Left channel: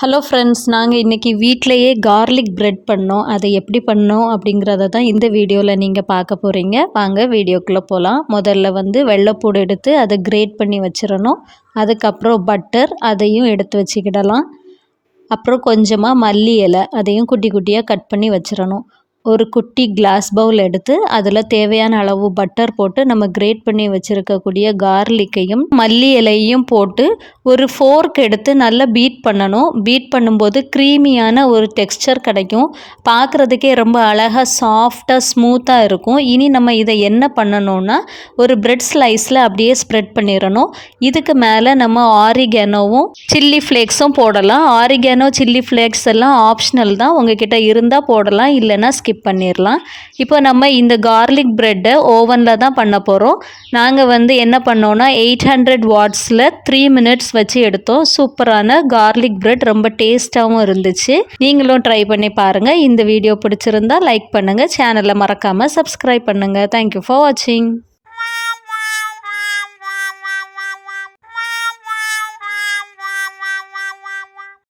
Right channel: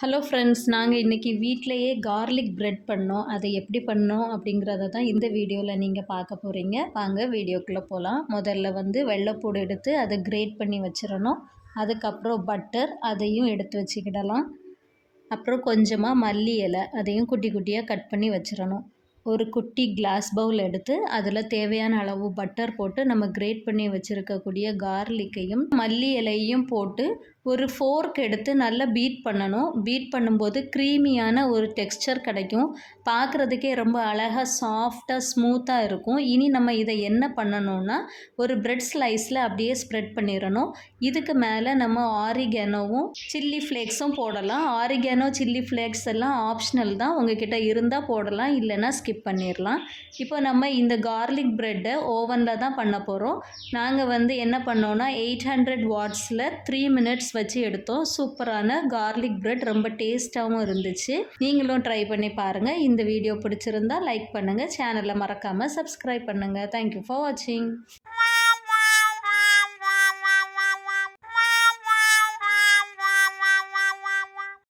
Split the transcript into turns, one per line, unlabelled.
Hello friends நாங்கள் இன்றைக்கி வீட்டிலையே கார்லிக் ப்ரெட் பண்ணோம். அதை எப்படி பண்ணோம் அப்படிங்கிறத தான் இந்த வீடியோவில் நீங்கள் பார்க்க போகிறீங்க வாங்க வீடியோக்குள்ளே போகலாம் முதல்ல வந்து வெள்ளைப்பூடு எடுத்து அதை கிரேட் பண்ணி வச்சிடணும். அதுக்கப்புறம் பட்டர் அதையும் எடுத்து வச்சுக்கிடலாம். அப்புறம் கொஞ்சமாக மல்லி இலை அதையும் குட்டி குட்டியாக கட் பண்ணி வச்சிடணும். ஒரு குட்டி கிளாஸ் பவுல் எடுத்து அதில் தேவையான அளவு பட்டர் போட்டு நம்ம கிரேட் பண்ணி வச்சுருக்கக்கூடிய கார்லிக்கையும் மல்லி இலையும் போட்டு ஒரு ஃபோர்க் எடுத்து நல்லா பீட் பண்ணணும். பீட் பண்ணும்போது க்ரீமியான ஒரு டெக்ஸ்சர் கிடைக்கும். பார்க்குறதுக்கே ரொம்ப அழகாக சாஃப்டாக ஸ்மூத்தாக இருக்கும். இனி நம்ம இதை என்ன பண்ணணும்னா ஒரு பிரெட் ஸ்லைஸில் அப்படியே ஸ்ப்ரெட் பண்ணிடணும். இதுக்கு மேலே நம்ம ஆரிகேனோவும் சில்லி ஃப்ளேக்ஸும் போடலாம். ஆரிகேனோ சில்லி ஃப்ளேக்ஸ் எல்லாம் ஆப்ஷனல் தான். உங்ககிட்ட இருந்தால் போடலாம். இல்லைன்னா ஸ்கிப் ஸ்கிப் பண்ணிடலாம் இப்போ நம்ம இந்த கார்லிக் ப்ரெட்டை ஓவனில் தான் பண்ண போகிறோம் நாங்கள் வந்து என்ன பண்ணோன்னா எயிட் ஹண்ட்ரட் வாட்ஸில் த்ரீ மினிட்ஸ் வச்சு எடுத்தோம். சூப்பரான கார்லிக் ப்ரெட் ரொம்ப டேஸ்ட்டாகவும் இருந்துச்சு. நீங்களும் ட்ரை பண்ணி பாருங்கள் இந்த வீடியோ பிடிச்சிருந்தா லைக் பண்ணுங்கள் சேனலை மறக்காமல் சப்ஸ்கிரைப் பண்ணுங்கள் தேங்க்யூ ஃபார் வாட்சிங்